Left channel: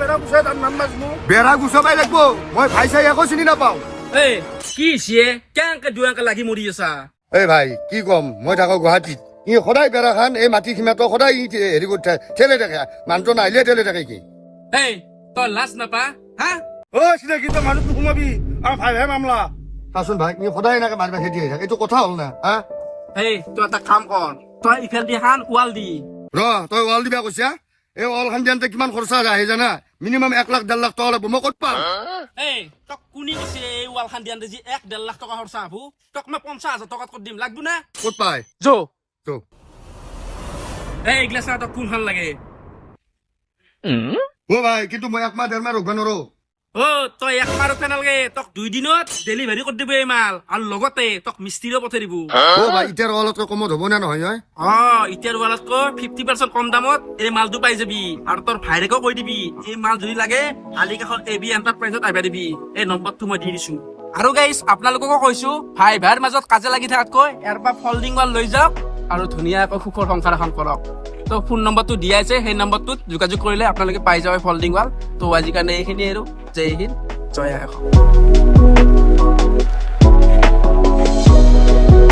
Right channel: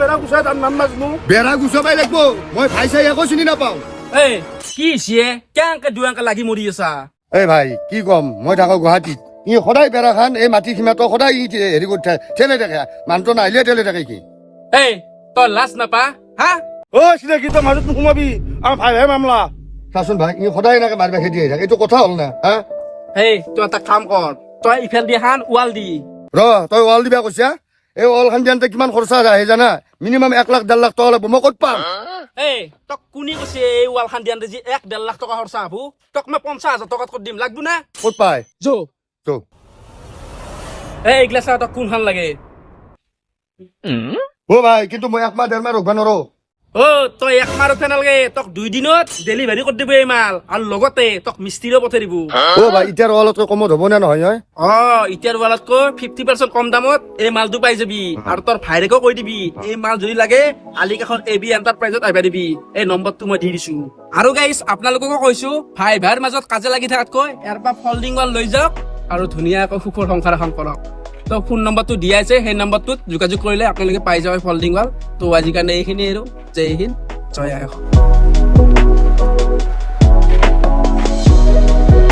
বেড়া গুছাই তার নাম মাছমু বেড়া গুচাবাই লাগব মই ভাই চাই একো চিনি নাপাওঁ এই কি সিয়ে কেনেকে দুয়াকে লাগি মৰি আছা এই ভাই কি কম মই থাকো গুৱাহাটীত ই সদায় বেড়া খান এই মাটি সীমাটো সদায় ই হেৰি কৰি ঠেলে থাকে মানুহটো নাহিলে ঠেলে থাকে কি এই তই লাজ নাপা হা ও চিনাকি তই মাজত নোসোমাবি আমাৰ ভাইহে মামলা চাচোন ভাই ই সদায় এনেকে মাৰিবা খেতি আহি থাকে এইটো কথা হ'ল না হা এই তই এটা কাম কৰ তই ইফাল দি হান ৱাল দি ৰ তই ৱাল দিবা কৈছা এই ৱাল খান দিয়ান্তে কিমান খৰচা আহে জানা মিনিমাম 1 লাখ 1.5 লাখ টকা লাগব মই ক'ত পাম এই তোক কোনে কৈছে এই ৱাল খান দিয়ান্তে যি 1.5 লাখ টকা খৰচা হব তোক মই 50,000 টকাত কৰি দিম লাগব না ক'ত পাই যো তো এই এইগিলা চাহ তোক কোনখান লাগে ও ভাই কিন্তু মই 1 মাহ 1.5 মাহ ৰখবা নৰো অ তই এক মাহতে নালাগে তোক 2 দিনত ডেলিভাৰী কৰি দিব এই মাল আৰু লগতে তোক মিস্ত্ৰীও পঠাই দিব ও ভাই এতিয়াৰ ৱালতকৈ কমত হ'ব নে নহয় হয় অ এতিয়াৰ ৱালতকৈ 50% কম দামত এই মালটো পাই যাবি আৰু তোৰ ভাইৰেকো কৈ দিবি এই মাল যদি লাগে আলিকাখন এবি এণ্টাৰপ্ৰাইজত আহিবা দিবি এই নম্বৰটো মই দি দিছো আৰু গাইজ আপোনালোককো কৈছো ভাই ভাইৰ মাজত কাজে লাগি থকাতকৈ ইয়াৰ পৰা ফল্ডিং ৱাল লৈ যাওক আৰু ধুনীয়াকৈ সুখৰ সংসাৰ এখন কৰক তো ফোন নম্বৰটো দিয়াইছে সেই নম্বৰটোত যোগাযোগ কৰিলে আপোনালোকে পাই যাব ফল্ডিং ৱাল তো আজিৰ কাৰণে এইখিনি আৰু জয় হিন্দ জয় আই অসম